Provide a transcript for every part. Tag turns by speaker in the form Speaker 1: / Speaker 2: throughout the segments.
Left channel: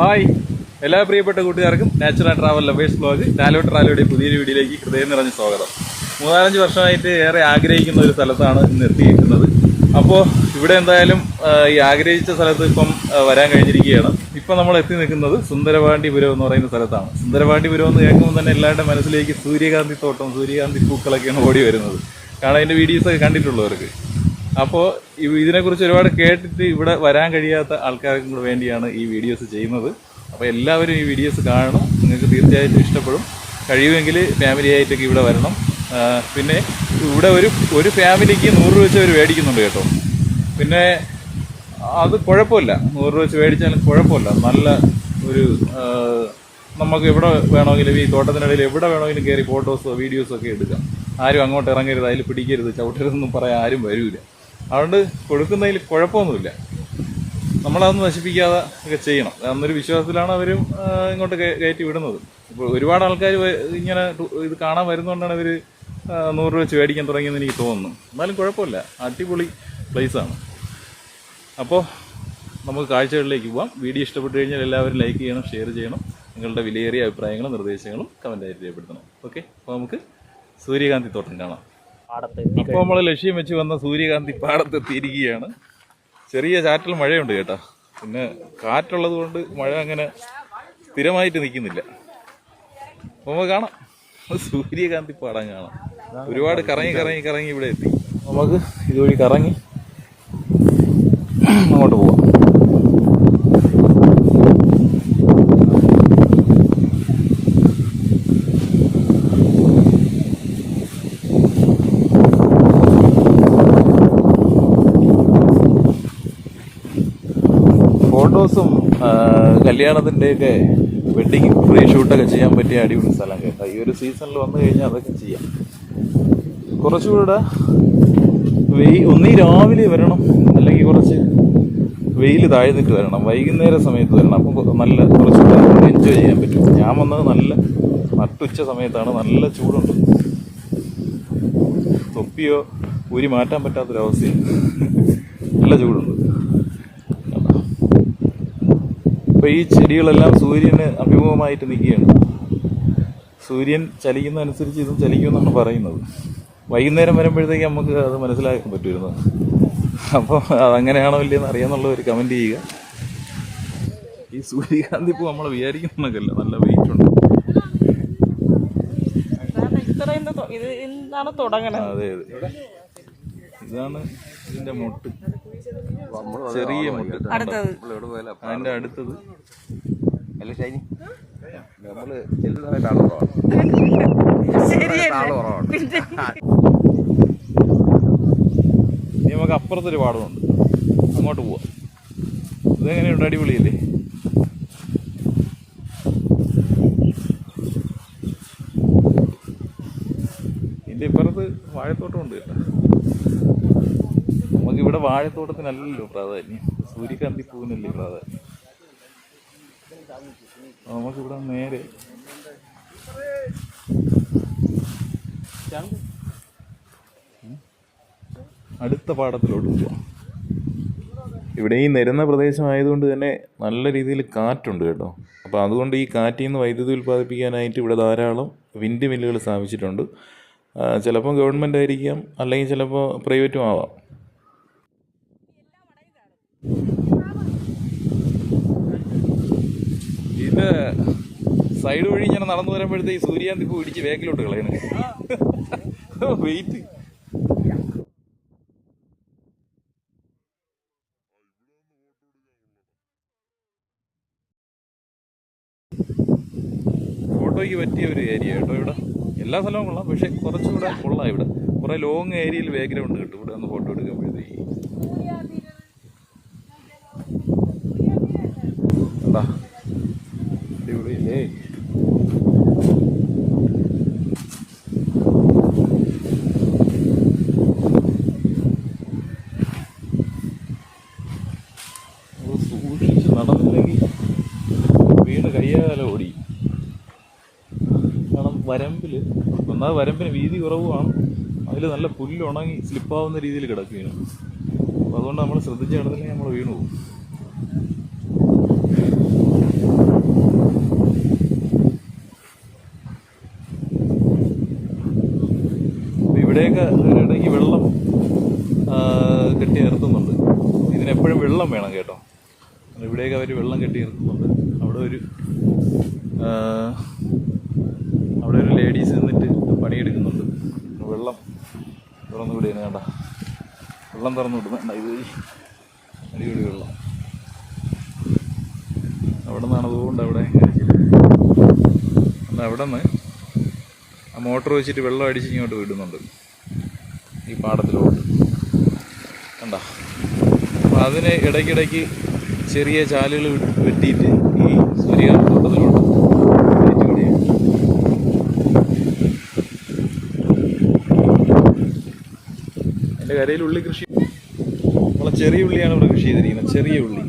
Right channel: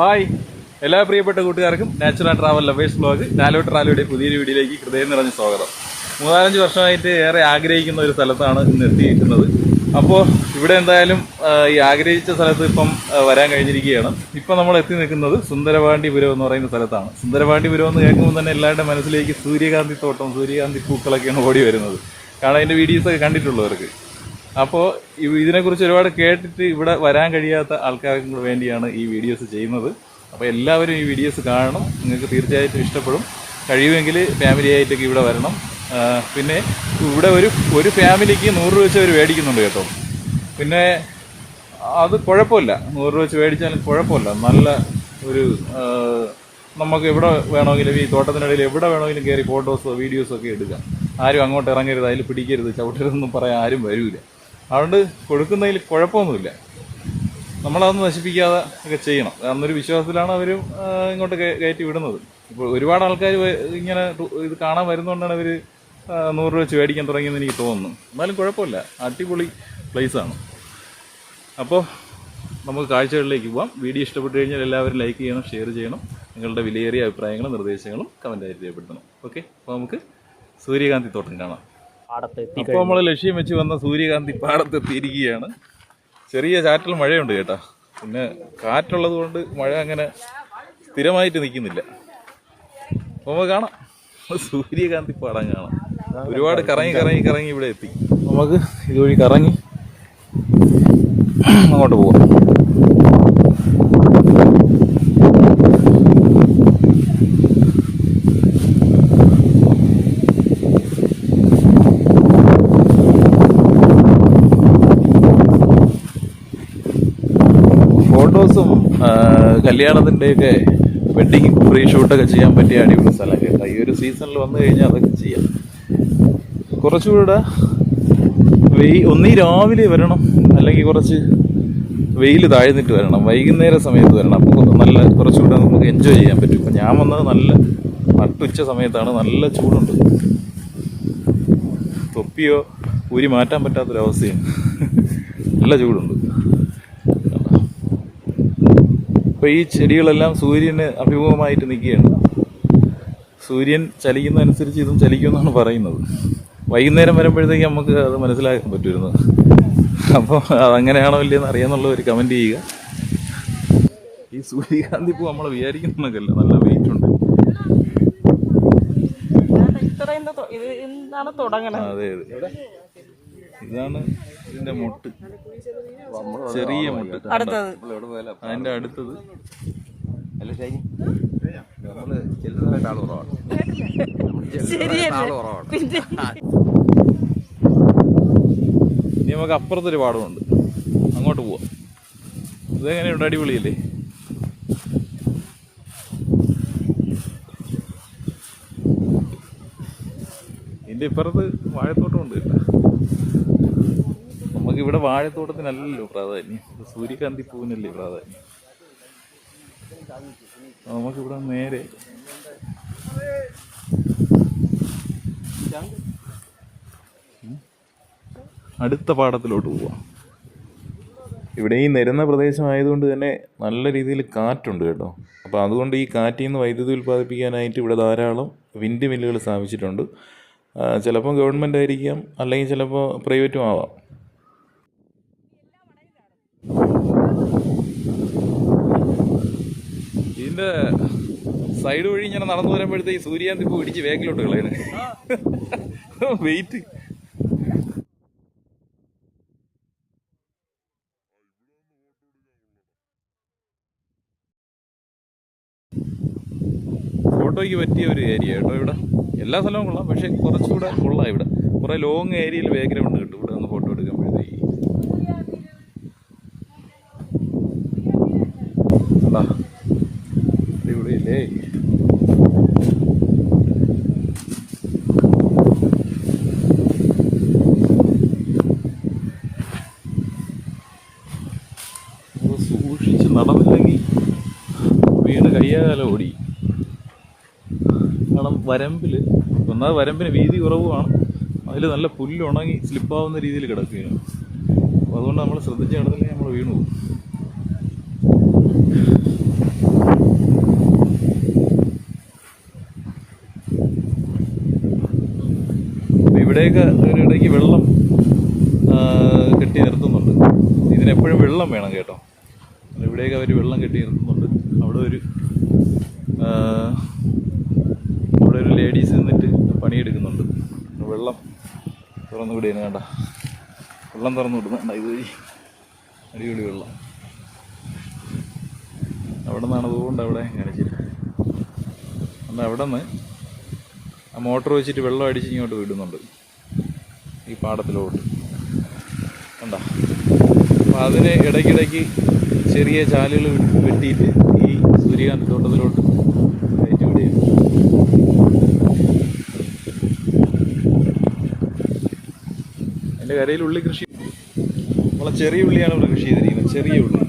Speaker 1: Hi. എല്ലാ പ്രിയപ്പെട്ട കൂട്ടുകാർക്കും നാച്ചുറൽ ട്രാവൽ ലവേഴ്സ് ബ്ലോഗ് നാലോ ട്രാവലയുടെ പുതിയൊരു വീഡിയോയിലേക്ക് ഹൃദയം നിറഞ്ഞ സ്വാഗതം. മൂന്നാലഞ്ച് വർഷമായിട്ട് ഏറെ ആഗ്രഹിക്കുന്ന ഒരു സ്ഥലത്താണ് ഇന്ന് എത്തിയിരിക്കുന്നത്. അപ്പോൾ ഇവിടെ എന്തായാലും ഈ ആഗ്രഹിച്ച സ്ഥലത്ത് ഇപ്പം വരാൻ കഴിഞ്ഞിരിക്കുകയാണ്. ഇപ്പം നമ്മൾ എത്തി നിൽക്കുന്നത് സുന്ദരവാണ്ടിപുരം എന്ന് പറയുന്ന സ്ഥലത്താണ്. സുന്ദരവാണ്ടിപുരം എന്ന് കേൾക്കുമ്പോൾ തന്നെ എല്ലാവരുടെ മനസ്സിലേക്ക് സൂര്യകാന്തി തോട്ടം സൂര്യകാന്തി പൂക്കളൊക്കെയാണ് ഓടി വരുന്നത്. കാരണം അതിന്റെ വീഡിയോസൊക്കെ കണ്ടിട്ടുള്ളവർക്ക്. അപ്പോൾ ഇതിനെക്കുറിച്ച് ഒരുപാട് കേട്ടിട്ട് ഇവിടെ വരാൻ കഴിയാത്ത ആൾക്കാർക്കും വേണ്ടിയാണ് ഈ വീഡിയോസ് ചെയ്യുന്നത്. അപ്പോൾ എല്ലാവരും ഈ വീഡിയോസ് കാണണം. നിങ്ങൾക്ക് തീർച്ചയായിട്ടും ഇഷ്ടപ്പെടും. കഴിയുമെങ്കിൽ ഫാമിലി ആയിട്ടൊക്കെ ഇവിടെ വരണം. പിന്നെ ഇവിടെ ഒരു ഒരു ഫാമിലിക്ക് നൂറ് രൂപ വെച്ച് അവർ മേടിക്കുന്നുണ്ട് കേട്ടോ. പിന്നെ അത് കുഴപ്പമില്ല. നൂറ് രൂപ വെച്ച് മേടിച്ചാലും കുഴപ്പമില്ല. നല്ല ഒരു നമുക്ക് എവിടെ വേണമെങ്കിലും ഈ തോട്ടത്തിനിടയിൽ എവിടെ വേണമെങ്കിലും കയറി ഫോട്ടോസോ വീഡിയോസോ ഒക്കെ എടുക്കാം. ആരും അങ്ങോട്ട് ഇറങ്ങരുത്. അതിൽ പിടിക്കരുത്. ചവിട്ടരുതെന്നും പറയാൻ ആരും വരൂല. അതുകൊണ്ട് കൊടുക്കുന്നതിൽ കുഴപ്പമൊന്നുമില്ല. നമ്മളതൊന്നും നശിപ്പിക്കാതെ ഒക്കെ ചെയ്യണം. അന്നൊരു വിശ്വാസത്തിലാണ് അവർ ഇങ്ങോട്ട് കയറ്റി വിടുന്നത്. ഇപ്പോൾ ഒരുപാട് ആൾക്കാർ ഇങ്ങനെ ഇത് കാണാൻ വരുന്നതുകൊണ്ടാണ് അവർ നൂറ് രൂപ വെച്ച് മേടിക്കാൻ തുടങ്ങിയെന്ന് എനിക്ക് തോന്നുന്നു. എന്നാലും കുഴപ്പമില്ല. അടിപൊളി പ്ലേസാണ് അപ്പോൾ നമുക്ക് കാഴ്ചകളിലേക്ക് പോവാം. വീഡിയോ ഇഷ്ടപ്പെട്ടു കഴിഞ്ഞാൽ എല്ലാവരും ലൈക്ക് ചെയ്യണം ഷെയർ ചെയ്യണം. നിങ്ങളുടെ വിലയേറിയ അഭിപ്രായങ്ങളും നിർദ്ദേശങ്ങളും കമന്റായിട്ട് രേഖപ്പെടുത്തണം. ഓക്കെ അപ്പോൾ നമുക്ക് സൂര്യകാന്തി തോട്ടം കാണാം. അപ്പോൾ നമ്മൾ ലക്ഷ്യം വെച്ച് വന്ന സൂര്യകാന്തി പാടത്തെത്തിയിരിക്കുകയാണ് ചെറിയ ചാറ്റൽ മഴയുണ്ട് കേട്ടോ. പിന്നെ കാറ്റുള്ളത് കൊണ്ട് മഴ അങ്ങനെ സ്ഥിരമായിട്ട് നിൽക്കുന്നില്ല. അപ്പോൾ നമുക്ക് കാണാം. സൂര്യകാന്തി പാടം കാണാം. ഒരുപാട് കറങ്ങി കറങ്ങി കറങ്ങി ഇവിടെ എത്തി. നമുക്ക് ഇതുവഴി കറങ്ങി അങ്ങോട്ട് പോവാം ഫോട്ടോസും കല്യാണത്തിന്റെയൊക്കെ വെഡിങ് പ്രീ ഷൂട്ടൊക്കെ ചെയ്യാൻ പറ്റിയ അടിപൊളി സ്ഥലം കേട്ടോ ഈ ഒരു സീസണിൽ വന്നു കഴിഞ്ഞാൽ അതൊക്കെ ചെയ്യാം. കുറച്ചുകൂടെ വെയിൽ ഒന്നീ രാവിലെ വരണം. അല്ലെങ്കിൽ കുറച്ച് വെയിൽ താഴ്ന്നിട്ട് വരണം. വൈകുന്നേര സമയത്ത് വരണം. അപ്പോൾ നല്ല കുറച്ചുകൂടെ നമുക്ക് എൻജോയ് ചെയ്യാൻ പറ്റും. ഞാൻ വന്നത് നല്ല നട്ടുച്ച സമയത്താണ്. നല്ല ചൂടുണ്ട്. തൊപ്പിയോ ഊരി മാറ്റാൻ പറ്റാത്തൊരവസ്ഥയാണ്. നല്ല ചൂടുണ്ട് കണ്ടോ? അപ്പൊ ഈ ചെടികളെല്ലാം സൂര്യന് അഭിമുഖമായിട്ട് നിൽക്കുകയാണ്. സൂര്യൻ ചലിക്കുന്നതനുസരിച്ച് ഇതും ചലിക്കുമെന്നാണ് പറയുന്നത്. വൈകുന്നേരം വരുമ്പോഴത്തേക്ക് നമുക്ക് അത് മനസ്സിലാക്കാൻ പറ്റുമായിരുന്നു. അപ്പോൾ അതങ്ങനെയാണോ ഇല്ലയെന്ന് അറിയാന്നുള്ള ഒരു കമന്റ് ചെയ്യുക. ഈ സൂര്യകാന്തി പൂ നമ്മൾ വിചാരിക്കുന്നതൊക്കെയല്ല നല്ല വെയിറ്റ് ഉണ്ട്.
Speaker 2: ഇതാണ് തുടങ്ങണത്.
Speaker 1: അതെ അതെ. ഇതാണ് ഇതിന്റെ മുട്ട്. ചെറിയ മുട്ട
Speaker 2: അടുത്തത്.
Speaker 1: അതിന്റെ അടുത്തത്.
Speaker 3: അല്ല ഷൈനി. നമ്മൾ ചെല്ലുന്ന സമയത്ത് ആൾ കുറവാണ്.
Speaker 2: പിന്നെ
Speaker 1: ഇനി നമുക്ക് അപ്പുറത്തൊരു പാടമുണ്ട്. അങ്ങോട്ട് പോവാം. ഇതെങ്ങനെയുണ്ട്? അടിപൊളിയല്ലേ? ഇതിന്റെ ഇപ്പുറത്ത് വാഴത്തോട്ടമുണ്ട് കേട്ടോ. നമുക്ക് ഇവിടെ വാഴത്തോട്ടത്തിനല്ലല്ലോ പ്രാധാന്യം. സൂര്യകാന്തി പൂവിനല്ലേ പ്രാധാന്യം. നമുക്കിവിടെ നേരെ അടുത്ത പാടത്തിലോട്ട് പോവാം. ഇവിടെ ഈ നിരന്ന പ്രദേശമായതുകൊണ്ട് തന്നെ നല്ല രീതിയിൽ കാറ്റുണ്ട് കേട്ടോ. അപ്പോൾ അതുകൊണ്ട് ഈ കാറ്റിൽ നിന്ന് വൈദ്യുതി ഉൽപ്പാദിപ്പിക്കാനായിട്ട് ഇവിടെ ധാരാളം വിൻഡ് മില്ലുകൾ സ്ഥാപിച്ചിട്ടുണ്ട്. ചിലപ്പോൾ ഗവൺമെന്റ് ആയിരിക്കാം അല്ലെങ്കിൽ ചിലപ്പോൾ പ്രൈവറ്റും ആവാം ഇതിന്റെ സൈഡ് വഴി ഇങ്ങനെ നടന്നു വരുമ്പോഴത്തേക്ക് സൂര്യാന്തി പൂ ഇടിച്ച് വേഗിലോട്ട് കളയണേ. വെയിറ്റ് ഫോട്ടോയ്ക്ക് പറ്റിയ ഒരു ഏരിയ കേട്ടോ ഇവിടെ. എല്ലാ സ്ഥലവും കൊള്ളാം പക്ഷെ കുറച്ചുകൂടെ കൊള്ളാം ഇവിടെ. കുറെ ലോങ് ഏരിയയിൽ ബാക്ക്ഗ്രൗണ്ട് കിട്ടും. വരമ്പിൽ ഒന്നാമത് വരമ്പിന് വീതി കുറവുമാണ്. അതിൽ നല്ല പുല്ല് ഉണങ്ങി സ്ലിപ്പാവുന്ന രീതിയിൽ കിടക്കുകയാണ്. അപ്പോൾ അതുകൊണ്ട് നമ്മൾ ശ്രദ്ധിച്ച് കിടന്നില്ലെങ്കിൽ നമ്മൾ വീണു പോകും. ഇവിടെയൊക്കെ ഇടയ്ക്ക് വെള്ളം കെട്ടി നിർത്തുന്നുണ്ട്. ഇതിനെപ്പോഴും വെള്ളം വേണം കേട്ടോ. ഇവിടെയൊക്കെ അവർ വെള്ളം കെട്ടി നിർത്തുന്നുണ്ട്. അവിടെ ഒരു ആ, അവിടെ ഒരു ലേഡീസ് നിന്നിട്ട് പണിയെടുക്കുന്നുണ്ട്. വെള്ളം തുറന്നു വിടുകയാണ് വേണ്ട വെള്ളം തുറന്നു വിടുന്നുണ്ട് ഇത് അടിപൊളി വെള്ളം. അവിടെ നിന്നാണ് അതുകൊണ്ട് അവിടെ അന്ന് അവിടെ നിന്ന് ആ മോട്ടർ വെച്ചിട്ട് വെള്ളം അടിച്ച് ഇങ്ങോട്ട് വിടുന്നുണ്ട്. ഈ പാടത്തിലോട്ട്. കണ്ട? അപ്പോൾ അതിന് ഇടയ്ക്കിടയ്ക്ക് ചെറിയ ചാലുകൾ വെട്ടിയിട്ട് ഈ സൂര്യകാന്ത തോട്ടത്തിലോട്ട് കയറ്റി വിടുകയാണ് എന്റെ കരയിൽ ഉള്ളി കൃഷി നമ്മളെ ചെറിയ ഉള്ളിയാണ് ഇവിടെ കൃഷി ചെയ്തിരിക്കുന്നത്. ചെറിയ ഉള്ളി.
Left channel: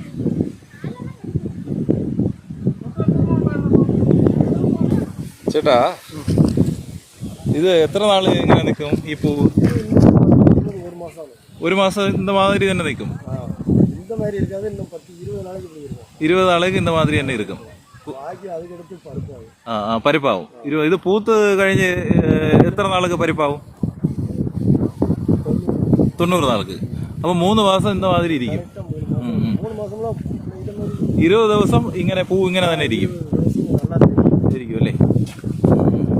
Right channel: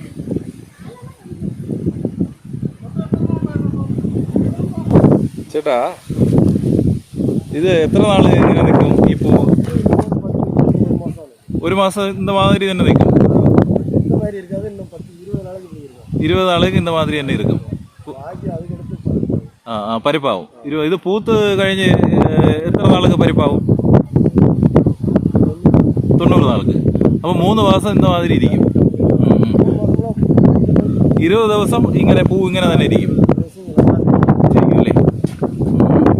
Speaker 1: ചേട്ടാ ഇത് എത്ര നാൾ ഇങ്ങനെ നിൽക്കും ഈ പൂവ് ഒരു മാസം ഇന്ന മാതിരി തന്നെ നിൽക്കും. ഇരുപത് നാളേക്ക് ഇന്ന മാതിരി തന്നെ ഇരിക്കും. ആ പരിപ്പാവും. ഇത് പൂത്ത് കഴിഞ്ഞ് എത്ര നാളേക്ക് പരിപ്പാവും? തൊണ്ണൂറ് നാൾക്ക്. അപ്പോൾ മൂന്ന് മാസം ഇന്ന മാതിരി ഇരിക്കും. ഇരുപത് ദിവസം ഇങ്ങനെ പൂ ഇങ്ങനെ തന്നെ ഇരിക്കും. ഇരിക്കും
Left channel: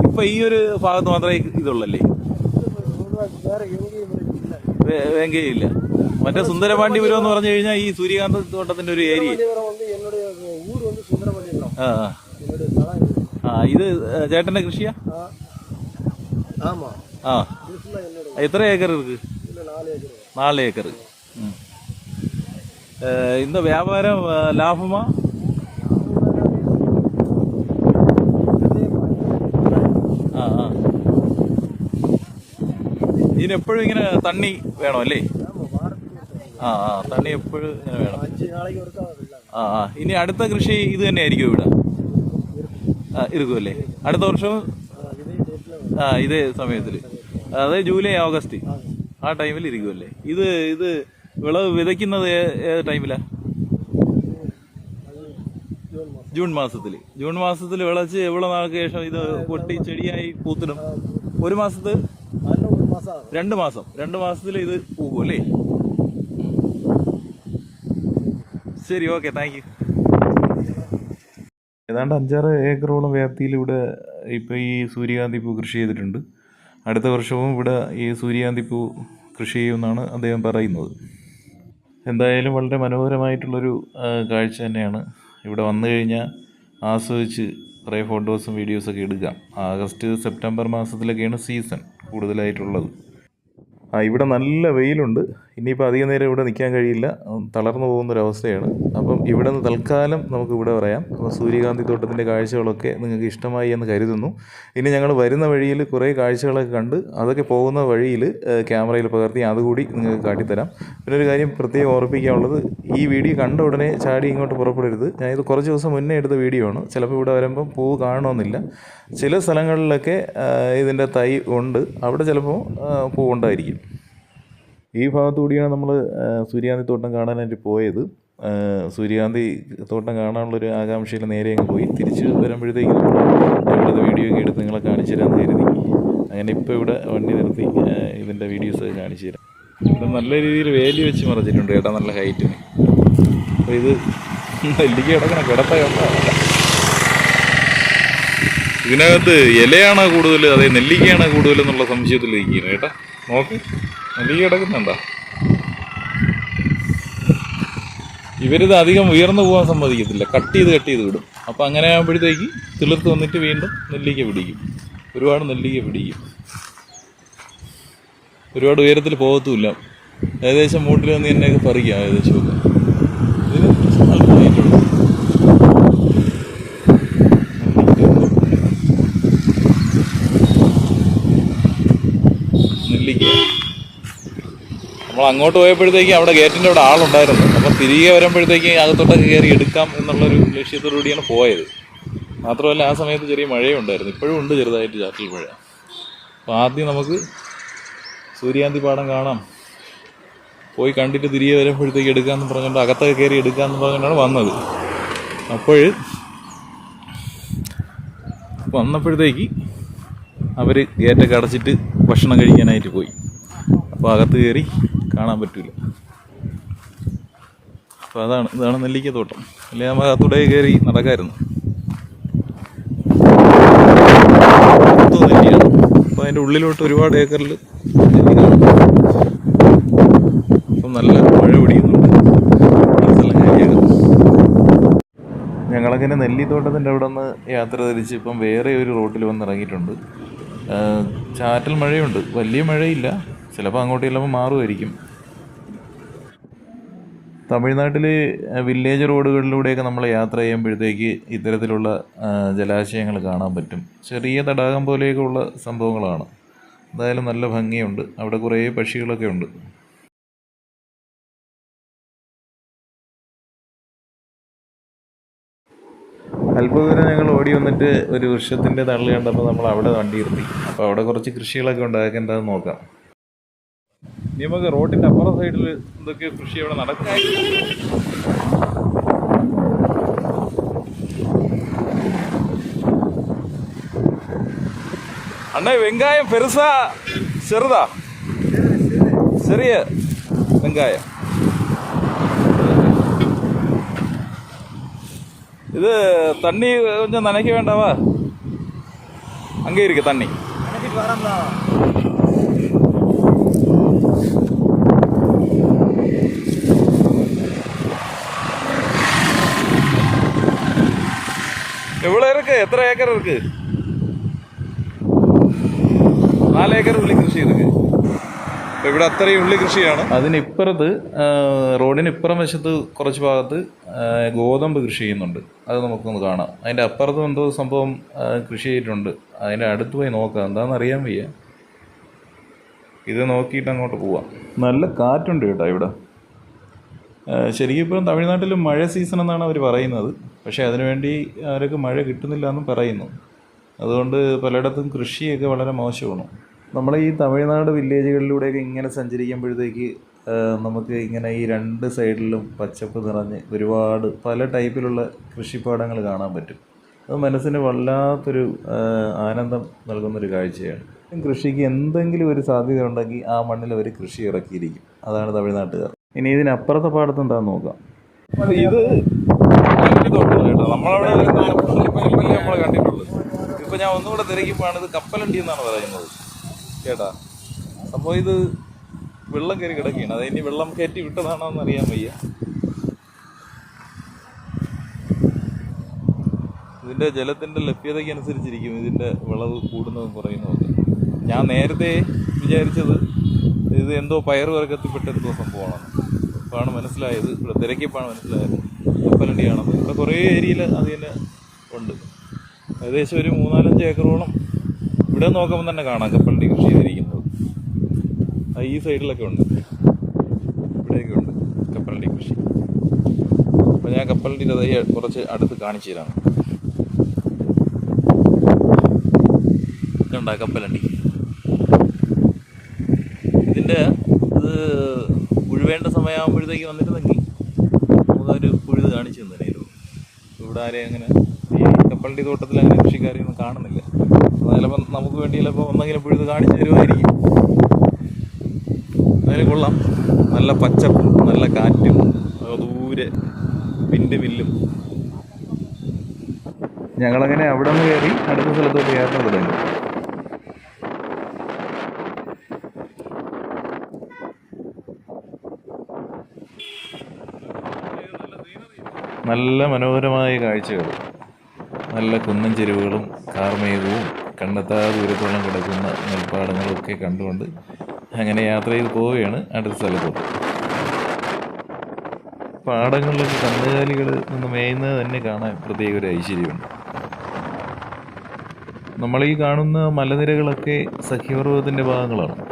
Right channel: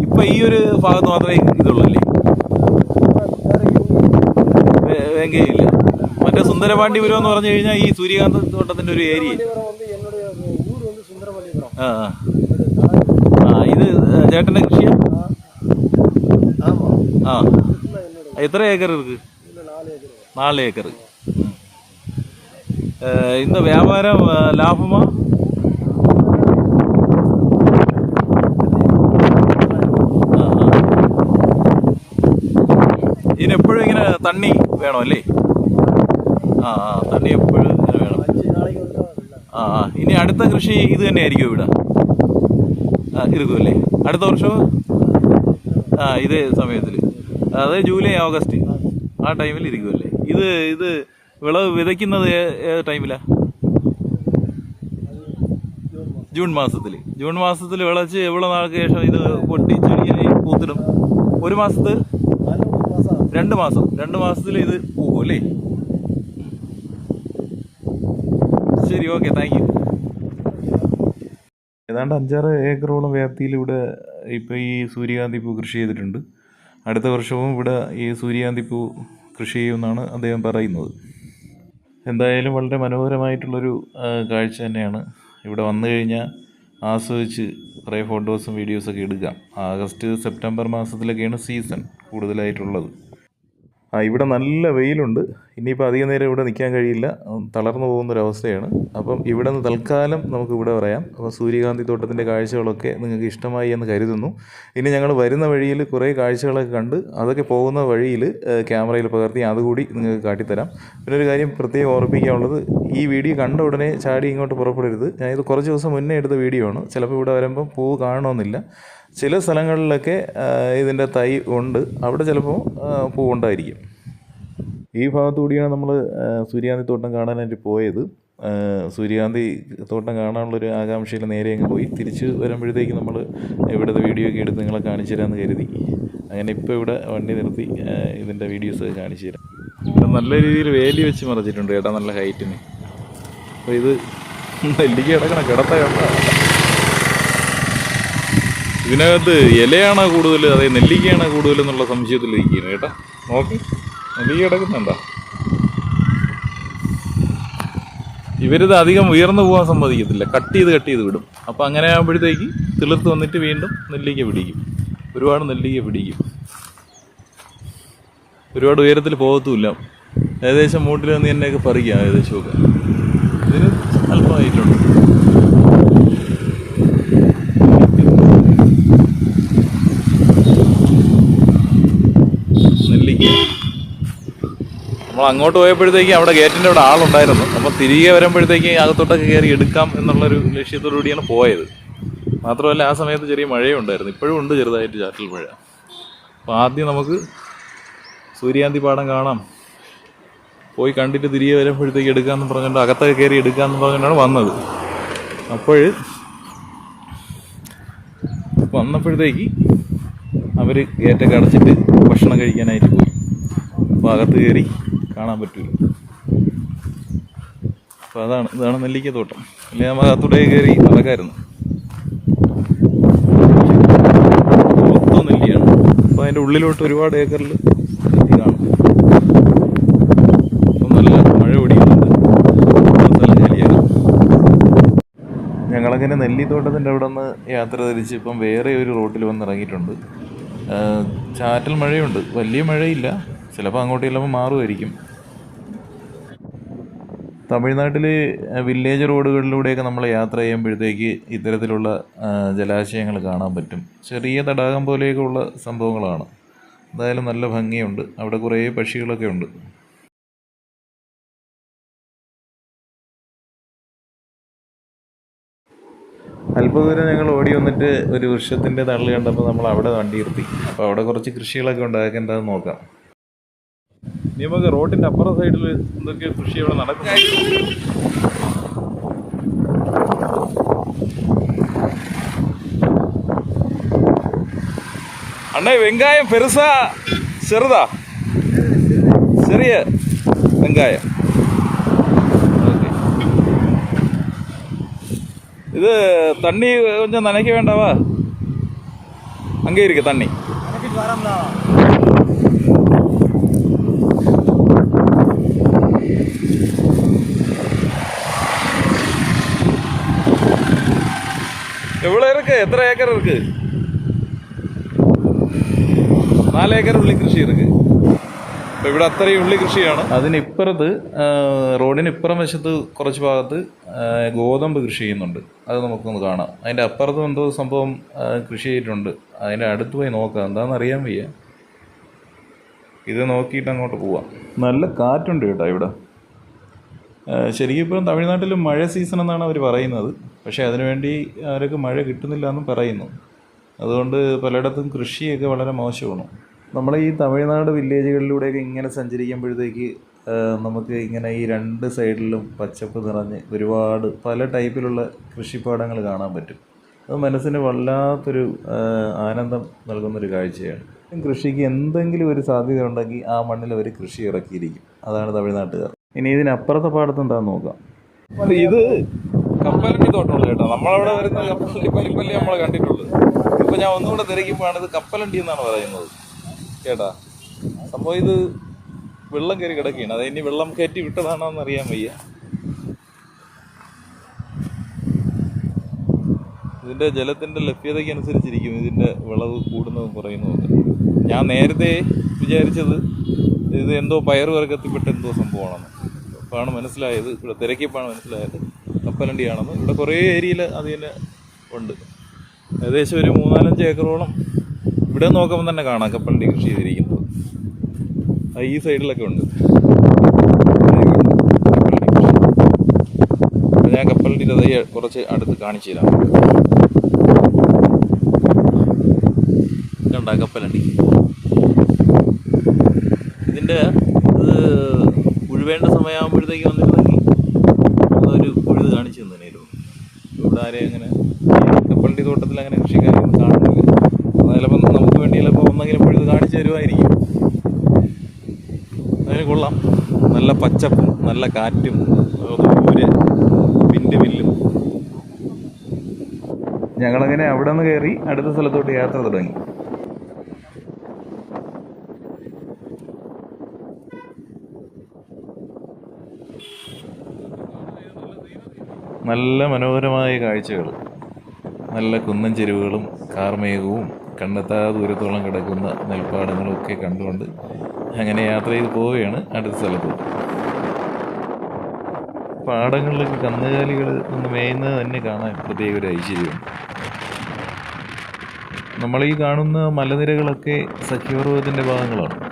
Speaker 1: ഇപ്പം ഈ ഒരു ഭാഗത്ത് മാത്രമേ ഇതുള്ളല്ലേ? വെങ്കയില്ല. മറ്റേ സുന്ദരപാണ്ഡിപുരം എന്ന് പറഞ്ഞു കഴിഞ്ഞാൽ ഈ സൂര്യകാന്ത തോട്ടത്തിന്റെ ഒരു ഏരിയ. ആ ഇത് ചേട്ടന്റെ
Speaker 4: കൃഷിയാണ്
Speaker 1: ആ. എത്ര ഏക്കർ ഇருக்கு നാല് ഏക്കർ ഇന്ന് വ്യാപാരം ലാഭമാ? ഇതിനെപ്പോഴും ഇങ്ങനെ തണ്ണി വേണം അല്ലേ? ആ ആ തണ്ണി എപ്പോഴും ഇങ്ങനെ വേണം. ആ ആ. ഇനി അടുത്ത കൃഷി ഇത് തന്നെയായിരിക്കും ഇവിടെ. ഇരിക്കുമല്ലേ അടുത്ത വർഷം? ആ ഇതേ സമയത്തിൽ അതായത് ജൂലൈ ഓഗസ്റ്റ് ആ ടൈമിൽ ഇരിക്കുമല്ലേ ഇത് ഇത് വിളവ് വിതയ്ക്കുന്നത് ഏത് ടൈമിലാണ് ജൂൺ മാസത്തിൽ ജൂൺ മാസത്തിൽ വിളച്ച് എവിടെ നാൾക്ക് ശേഷം ഇത് പൊട്ടി ചെടിയായി പൂത്തിടും. ഒരു മാസത്ത്? രണ്ട് മാസം. രണ്ട് മാസത്തിൽ ഇത് പോകും അല്ലേ? ശരി ഓക്കെ താങ്ക് യു. ഏതാണ്ട് അഞ്ചാറ് ഏക്കറോളം വ്യാപ്തിയിൽ ഇവിടെ ഇപ്പോൾ ഈ സൂര്യകാന്തി പൂ കൃഷി ചെയ്തിട്ടുണ്ട്. അടുത്ത വർഷവും ഇവിടെ ഈ സൂര്യകാന്തി പൂ കൃഷി ചെയ്യുമെന്നാണ് അദ്ദേഹം പറയുന്നത്. എന്തായാലും വളരെ മനോഹരമായിട്ടുള്ളൊരു കാഴ്ച തന്നെയാണ്. ഇവിടെ വന്നു കഴിഞ്ഞാൽ ആസ്വദിച്ച് കുറേ ഫോട്ടോസും വീഡിയോസൊക്കെ എടുക്കാം ആഗസ്റ്റ് സെപ്റ്റംബർ മാസത്തിലൊക്കെയാണ് സീസൺ കൂടുതലായിട്ടുള്ളത്. ആ ഇവിടെ നല്ല വെയിലുണ്ട്. ഇനിയിപ്പോൾ അധികം നേരം ഇവിടെ നിൽക്കാൻ കഴിയില്ല. തളർന്നു പോകുന്നൊരവസ്ഥയാണ്. അപ്പം ഇവിടെ നിന്ന് തൽക്കാലം നമുക്ക് ഇവിടെ പറയാം. അപ്പോൾ സൂര്യകാന്തി തോട്ടത്തിന്റെ കാഴ്ചകളൊക്കെ നിങ്ങൾക്ക് ഇഷ്ടമായി എന്ന് കരുതുന്നു. ഇനി ഞങ്ങൾ വരുന്ന വഴിയിൽ കുറേ കാഴ്ചകളൊക്കെ കണ്ട് അതൊക്കെ പോകുന്ന വഴിയിൽ ക്യാമറയിൽ പകർത്തി അതുകൂടി നിങ്ങൾക്ക് കാട്ടിത്തരാം. പിന്നെ ഒരു കാര്യം പ്രത്യേകം ഓർപ്പിക്കാനുള്ളത് ഈ വീഡിയോ കണ്ട ഉടനെ ചാടി ഇങ്ങോട്ട് പുറപ്പെടരുത്. ഞാനിത് കുറച്ച് ദിവസം മുന്നേ എടുത്ത വീഡിയോ ആണ്. ചിലപ്പോൾ ഇവിടെ വരുമ്പം പൂവ് കാണണമെന്നില്ല. ചില സ്ഥലങ്ങളിലൊക്കെ ഇതിന്റെ തൈ ഉണ്ട്. അവിടെ ചിലപ്പോൾ പൂവുണ്ടായിരിക്കും. ഈ ഭാഗത്തു കൂടിയാണ് നമ്മൾ സൂര്യകാന്തി തോട്ടം കാണാനായിട്ട് പോയത്. സൂര്യാന്തി തോട്ടം കാണാനുള്ളൊരു ആകാംക്ഷയിൽ നേരെ അങ്ങ് പോയി. തിരിച്ച് വരുമ്പോഴത്തേക്ക് നമ്മൾ ഇവിടുത്തെ വീഡിയോ ഒക്കെ എടുത്ത് നിങ്ങളെ കാണിച്ചു തരാമെന്ന് കരുതി. അങ്ങനെ ഇപ്പോൾ ഇവിടെ വണ്ടി നിർത്തി ഇതിന്റെ വീഡിയോസൊക്കെ കാണിച്ചു തരാം. നല്ല രീതിയിൽ വേലി വെച്ച് മറിച്ചിട്ടുണ്ട് കേട്ടോ നല്ല ഹൈറ്റിന് അപ്പോൾ ഇത് നെല്ലിക്ക് കിടക്കണം കിടത്ത കണ്ട ഇതിനകത്ത് ഇലയാണോ കൂടുതൽ അതേ നെല്ലിക്കയാണോ കൂടുതൽ എന്നുള്ള സംശയത്തിലിരിക്കുന്നു കേട്ടാ നോക്ക്. നെല്ലിക്ക കിടക്കുന്നുണ്ടോ ഇവരിത് അധികം ഉയർന്നു പോകാൻ സമ്മതിക്കത്തില്ല. കട്ട് ചെയ്ത് കട്ട് ചെയ്ത് വിടും. അപ്പോൾ അങ്ങനെ ആകുമ്പോഴത്തേക്ക് തിളിർത്ത് വന്നിട്ട് വീണ്ടും നെല്ലിക്ക പിടിക്കും. ഒരുപാട് നെല്ലിക്ക പിടിക്കും. ഒരുപാട് ഉയരത്തിൽ പോകത്തുമില്ല. ഏകദേശം മൂട്ടിൽ നിന്ന് എന്നെയൊക്കെ പറിക്കാം ഏകദേശം ഒക്കെ ഇതിന് അല്പമായിട്ടുണ്ട് നെല്ലിക്ക അങ്ങോട്ട് പോയപ്പോഴത്തേക്കും അവിടെ ഗേറ്റിന്റെ അവിടെ ആളുണ്ടായിരുന്നു. അപ്പോൾ തിരികെ വരുമ്പോഴത്തേക്ക് അകത്തോട്ടൊക്കെ കയറി എടുക്കാം എന്നുള്ളൊരു ലക്ഷ്യത്തോടു കൂടിയാണ് പോയത്. മാത്രമല്ല ആ സമയത്ത് ചെറിയ മഴയും ഉണ്ടായിരുന്നു ഇപ്പോഴും ഉണ്ട് ചെറുതായിട്ട് ചാറ്റൽ മഴ. അപ്പോൾ ആദ്യം നമുക്ക് സൂര്യാന്തി പാടം കാണാം. പോയി കണ്ടിട്ട് തിരികെ വരുമ്പോഴത്തേക്ക് എടുക്കാമെന്ന് പറഞ്ഞിട്ട് അകത്തൊക്കെ കയറി എടുക്കാമെന്ന് പറഞ്ഞിട്ടാണ് വന്നത്. അപ്പോൾ വന്നപ്പോഴത്തേക്ക് അവർ ഗേറ്റൊക്കെ അടച്ചിട്ട് ഭക്ഷണം കഴിക്കാനായിട്ട് പോയി. അപ്പോൾ അകത്ത് കയറി കാണാൻ പറ്റില്ല അപ്പോൾ അതാണ് ഇതാണ് നെല്ലിക്ക തോട്ടം. അല്ലെങ്കിൽ നമ്മൾ അകത്തൂടെ കയറി നടക്കായിരുന്നു. മൊത്തം നെല്ലിയാണ്. അപ്പോൾ അതിന്റെ ഉള്ളിലോട്ട് ഒരുപാട് ഏക്കറിൽ അപ്പം നല്ല മഴ പിടിക്കുന്നുണ്ട്. ഞങ്ങളങ്ങനെ നെല്ലിത്തോട്ടത്തിന്റെ അവിടെ നിന്ന് യാത്ര തിരിച്ച് ഇപ്പം വേറെ ഒരു റോട്ടിൽ വന്ന് ഇറങ്ങിയിട്ടുണ്ട്. ചാറ്റൽ മഴയുണ്ട്. വലിയ മഴയില്ല. ചിലപ്പോൾ അങ്ങോട്ട് ചെല്ലുമ്പോൾ മാറുമായിരിക്കും. തമിഴ്നാട്ടിൽ വില്ലേജ് റോഡുകളിലൂടെയൊക്കെ നമ്മൾ യാത്ര ചെയ്യുമ്പോഴത്തേക്ക് ഇത്തരത്തിലുള്ള ജലാശയങ്ങൾ കാണാൻ പറ്റും. ചെറിയ തടാകം പോലെയൊക്കെ ഉള്ള സംഭവങ്ങളാണ്. എന്തായാലും നല്ല ഭംഗിയുണ്ട്. അവിടെ കുറേ പക്ഷികളൊക്കെ ഉണ്ട്. അല്പദൂരം ഞങ്ങൾ ഓടി വന്നിട്ട് ഒരു വൃക്ഷത്തിന്റെ തള്ളി കണ്ടപ്പോൾ നമ്മൾ അവിടെ വണ്ടി നിർത്തി അപ്പോൾ അവിടെ കുറച്ച് കൃഷികളൊക്കെ ഉണ്ടാക്കേണ്ടതെന്ന് നോക്കാം. ഇനി നമുക്ക് റോഡിൻ്റെ അപ്പുറ സൈഡിൽ എന്തൊക്കെ കൃഷി അവിടെ നടക്കുന്നു അണ്ണേ വെങ്കായം പെരുസാ ചെറുതാ ചെറിയ വെങ്കായം இது தண்ணி கொஞ்சம் நினைக்க வேண்டாவா அங்கே இருக்கு தண்ணி എത്ര ഏക്കർ ஏக்கர் இருக்கு നാല് ഏക്കർ ഉള്ളി കൃഷി ഇതൊക്കെ അപ്പൊ ഇവിടെ അത്രയും ഉള്ളി കൃഷിയാണ്. അതിനിപ്പുറത്ത് റോഡിനിപ്പുറം വശത്ത് കുറച്ച് ഭാഗത്ത് ഗോതമ്പ് കൃഷി ചെയ്യുന്നുണ്ട്. അത് നമുക്കൊന്ന് കാണാം. അതിന്റെ അപ്പുറത്ത് എന്തോ സംഭവം കൃഷി ചെയ്തിട്ടുണ്ട്. അതിന്റെ അടുത്ത് പോയി നോക്കാം. എന്താണെന്ന് അറിയാൻ വയ്യ. ഇത് നോക്കിയിട്ട് അങ്ങോട്ട് പോവാം. നല്ല കാറ്റുണ്ട് കേട്ടോ ഇവിടെ. ശരിക്കും ഇപ്പം തമിഴ്നാട്ടിൽ മഴ സീസൺ എന്നാണ് അവർ പറയുന്നത്. പക്ഷേ അതിനുവേണ്ടി അവർക്ക് മഴ കിട്ടുന്നില്ല എന്നും പറയുന്നു. അതുകൊണ്ട് പലയിടത്തും കൃഷിയൊക്കെ വളരെ മോശമാണ്. നമ്മൾ ഈ തമിഴ്നാട് വില്ലേജുകളിലൂടെയൊക്കെ ഇങ്ങനെ സഞ്ചരിക്കുമ്പോഴത്തേക്ക് നമുക്ക് ഇങ്ങനെ ഈ രണ്ട് സൈഡിലും പച്ചപ്പ് നിറഞ്ഞ് ഒരുപാട് പല ടൈപ്പിലുള്ള കൃഷിപ്പാടങ്ങൾ കാണാൻ പറ്റും. അത് മനസ്സിന് വല്ലാത്തൊരു ആനന്ദം നൽകുന്നൊരു കാഴ്ചയാണ്. കൃഷിക്ക് എന്തെങ്കിലും ഒരു സാധ്യത ഉണ്ടെങ്കിൽ ആ മണ്ണിൽ അവർ കൃഷി ഇറക്കിയിരിക്കും. അതാണ് തമിഴ്നാട്ടുകാർ. ഇനി ഇതിനപ്പുറത്തെ പാടത്ത് എന്താന്ന് നോക്കാം. ഇത് കപ്പലണ്ടി തോട്ടമല്ല കേട്ടോ നമ്മളവിടെ വരുന്ന പനിപ്പല്ലി നമ്മൾ കണ്ടിട്ടുള്ളൂ ഇപ്പം ഞാൻ ഒന്നുകൂടെ തിരക്കുമ്പോഴാണ് ഇത് കപ്പലണ്ടി എന്നാണ് പറയുന്നത്. കേട്ടാ സംഭവം ഇത് വെള്ളം കയറി കിടക്കുകയാണ്. അത് ഇനി വെള്ളം കയറ്റി വിട്ടതാണോ എന്ന് അറിയാൻ വയ്യ. ഇതിന്റെ ജലത്തിന്റെ ലഭ്യതയ്ക്ക് അനുസരിച്ചിരിക്കും ഇതിന്റെ വിളവ് കൂടുന്നതും കുറയുന്നതും ഞാൻ നേരത്തെ വിചാരിച്ചത് ഇത് എന്തോ പയറുവർഗത്തിൽപ്പെട്ട എന്തോ സംഭവമാണെന്ന് അപ്പോഴാണ് മനസ്സിലായത്. ഇവിടെ തിരക്കിയപ്പോഴാണ് മനസ്സിലായത്. കപ്പലണ്ടിയാണെന്ന്. ഇവിടെ കുറേ ഏരിയയിൽ അത് തന്നെ ഉണ്ട്. ഏകദേശം ഒരു മൂന്നാലഞ്ച് ഏക്കറോളം ഇവിടെ നോക്കുമ്പോൾ തന്നെ കാണാം കപ്പലണ്ടി കൃഷി ചെയ്തിരിക്കുന്നത്. ഈ സൈഡിലൊക്കെ ഉണ്ട്. ഞാൻ കപ്പലണ്ടി തതയെ കുറച്ച് അടുത്ത് കാണിച്ചു തരാം. കണ്ട കപ്പലണ്ടി? ഇതിന്റെ അത് ഉഴുവേണ്ട സമയമാകുമ്പോഴത്തേക്ക് വന്നിരുന്നെങ്കിൽ അതൊരു ഉഴുത് കാണിച്ചു തന്നേനല്ലോ ഇവിടെ ആരെയും അങ്ങനെ കപ്പലണ്ടി തോട്ടത്തിൽ അങ്ങനെ കൃഷിക്കാരൊന്നും കാണുന്നില്ല. ചിലപ്പോൾ നമുക്ക് വേണ്ടി ചിലപ്പോൾ ഒന്നെങ്കിലും ഉഴുത് കാണിച്ചു തരുമായിരിക്കും. അതിന് കൊള്ളാം. നല്ല പച്ചപ്പും നല്ല കാറ്റും ദൂരെ വിന്റെ വില്ലും ഞങ്ങളങ്ങനെ അവിടെ നിന്ന് കയറി അടുത്ത സ്ഥലത്തോട്ട് യാത്ര തുടങ്ങി. നല്ല മനോഹരമായ കാഴ്ചകൾ. നല്ല കുന്നൻ ചെരുവുകളും കാർമേഘവും കണ്ടെത്താ ദൂരത്തോളം കിടക്കുന്ന നെൽപ്പാടങ്ങളും ഒക്കെ കണ്ടുകൊണ്ട് അങ്ങനെ യാത്ര ചെയ്ത് പോവുകയാണ് അടുത്ത സ്ഥലത്തോട്ട്. പാടങ്ങളിലൊക്കെ കന്നുകാലികൾ നിന്ന് മേയുന്നത് തന്നെ കാണാൻ പ്രത്യേക ഒരു ഐശ്വര്യമുണ്ട്. നമ്മൾ ഈ കാണുന്ന മലനിരകളൊക്കെ സഖ്യപർവതത്തിന്റെ ഭാഗങ്ങളാണ്.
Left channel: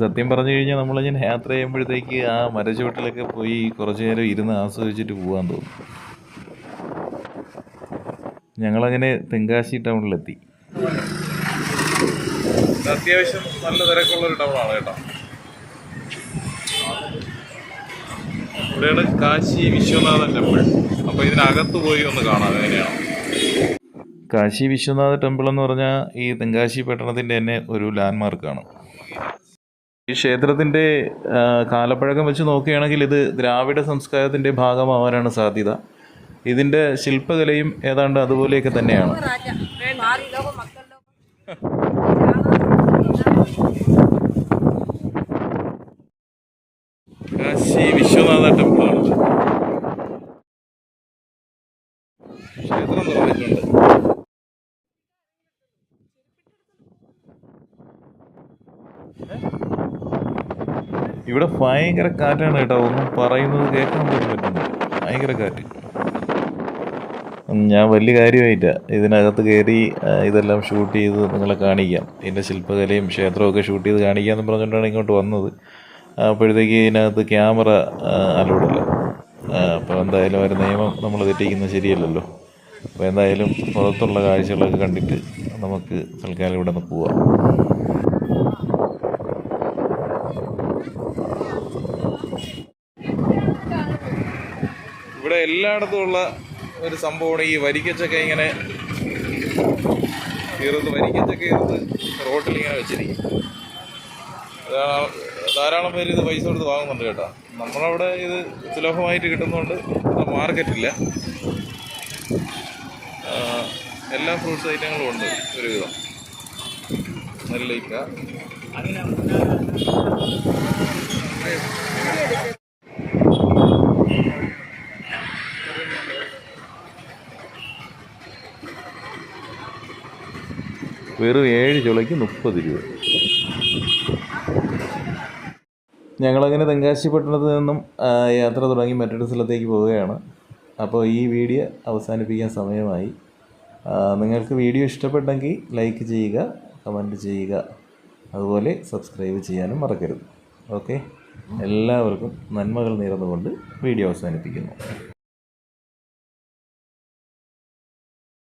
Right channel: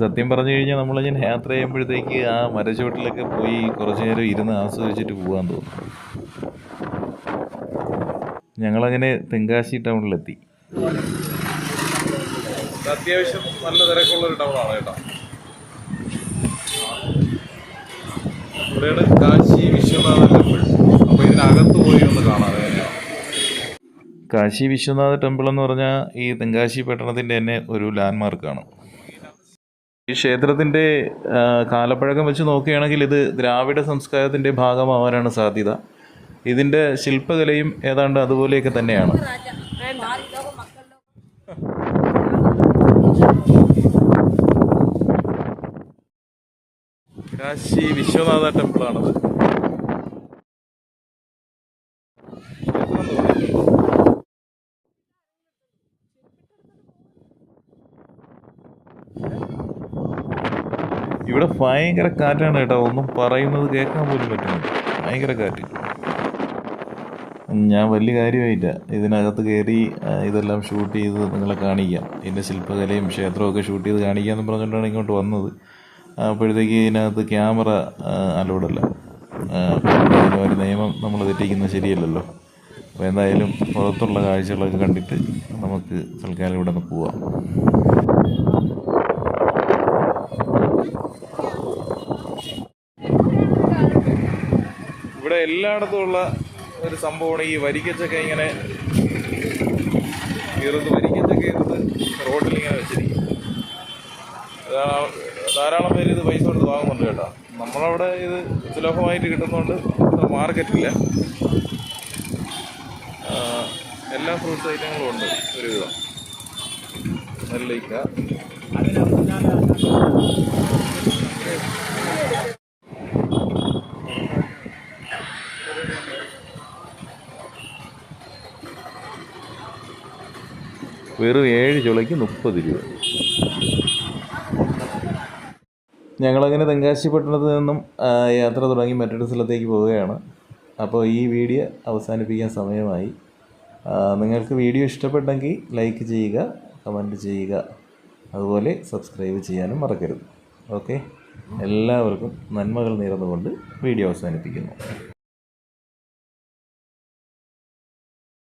Speaker 1: സത്യം പറഞ്ഞു കഴിഞ്ഞാൽ നമ്മളിങ്ങനെ യാത്ര ചെയ്യുമ്പോഴത്തേക്ക് ആ മരച്ചുവട്ടിലൊക്കെ പോയി കുറച്ചു നേരം ഇരുന്ന് ആസ്വദിച്ചിട്ട് പോകാൻ തോന്നും ഞങ്ങളങ്ങനെ തെങ്കാശി ടൗണിലെത്തി. അത്യാവശ്യം നല്ല തിരക്കുള്ളൊരു ടൗണാണ് കേട്ടോ. ഇവിടെയാണ് കാശി വിശ്വനാഥ ടെമ്പിൾ. അപ്പോൾ ഇതിനകത്ത് പോയി ഒന്ന് കാണാം എങ്ങനെയാണ്? കാശി വിശ്വനാഥ ടെമ്പിൾ എന്ന് പറഞ്ഞാൽ ഈ തെങ്കാശി പട്ടണത്തിന്റെ തന്നെ ഒരു ലാൻഡ്മാർക്കാണ്. ഈ ക്ഷേത്രത്തിന്റെ കാലപ്പഴക്കം വെച്ച് നോക്കുകയാണെങ്കിൽ ഇത് ദ്രാവിഡ സംസ്കാരത്തിന്റെ ഭാഗമാവാനാണ് സാധ്യത. ഇതിന്റെ ശില്പകലയും ഏതാണ്ട് അതുപോലെയൊക്കെ തന്നെയാണ്. കാശി വിശ്വനാഥ ടെമ്പിളാണത്. ക്ഷേത്രം തുറന്നിട്ടുണ്ട് ഇവിടെ ഭയങ്കര കാറ്റാണ് കേട്ടോ. ഒന്നും പറയുന്നത് കേൾക്കാൻ പോലും പറ്റുന്നില്ല. ഭയങ്കര കാറ്റ്. ഞാൻ വലിയ കാര്യമായില്ല ഇതിനകത്ത് കയറി ഇതെല്ലാം ഷൂട്ട് ചെയ്ത് നിങ്ങളെ കാണിക്കാം. ഇതിന്റെ ശില്പകലയും ക്ഷേത്രമൊക്കെ ഷൂട്ട് ചെയ്ത് കാണിക്കാമെന്ന് പറഞ്ഞുകൊണ്ടാണ് ഇങ്ങോട്ട് വന്നത്. അപ്പോഴത്തേക്ക് ഇതിനകത്ത് ക്യാമറ അലോഡല്ല. അപ്പോൾ എന്തായാലും ഒരു നിയമം നമ്മൾ തെറ്റിക്കുന്നത് ശരിയല്ലല്ലോ. അപ്പോൾ എന്തായാലും പുറത്തുള്ള കാഴ്ചകളൊക്കെ കണ്ടിട്ട് നമുക്ക് തൽക്കാലം ഇവിടെ നിന്ന് പോവാം. ഇവിടെ എല്ലായിടത്തും ഉള്ള ഒരു സംഭവമാണ് ഈ വരിക്കച്ചക്ക ഇങ്ങനെ ഇറുത് വരിക്കച്ചക്ക ഇറുത് റോട്ടിൽ ഇങ്ങനെ വെച്ചിരിക്കും. ധാരാളം പേര് ഇത് പൈസ കൊടുത്ത് വാങ്ങുന്നുണ്ട് കേട്ടോ. നമ്മളവിടെ ഇത് സുലഭമായിട്ട് കിട്ടുന്നതുകൊണ്ട് മാർക്കറ്റില്ല. എല്ലാ ഫ്രൂട്ട്സ് ഐറ്റങ്ങളും ഉണ്ട് ഒരുവിധം. നെല്ലിക്ക. വെറും ഏഴ് ചുളയ്ക്ക് മുപ്പത് രൂപ. ഞങ്ങളങ്ങനെ തെങ്കാശി പട്ടണത്തിൽ നിന്നും യാത്ര തുടങ്ങി മറ്റൊരു സ്ഥലത്തേക്ക് പോവുകയാണ്. അപ്പോൾ ഈ വീഡിയോ അവസാനിപ്പിക്കാൻ സമയമായി. നിങ്ങൾക്ക് വീഡിയോ ഇഷ്ടപ്പെട്ടെങ്കിൽ ലൈക്ക് ചെയ്യുക കമന്റ് ചെയ്യുക. അതുപോലെ സബ്സ്ക്രൈബ് ചെയ്യാനും മറക്കരുത്. ഓക്കെ? എല്ലാവർക്കും നന്മകൾ നേർന്നുകൊണ്ട് വീഡിയോ അവസാനിപ്പിക്കുന്നു.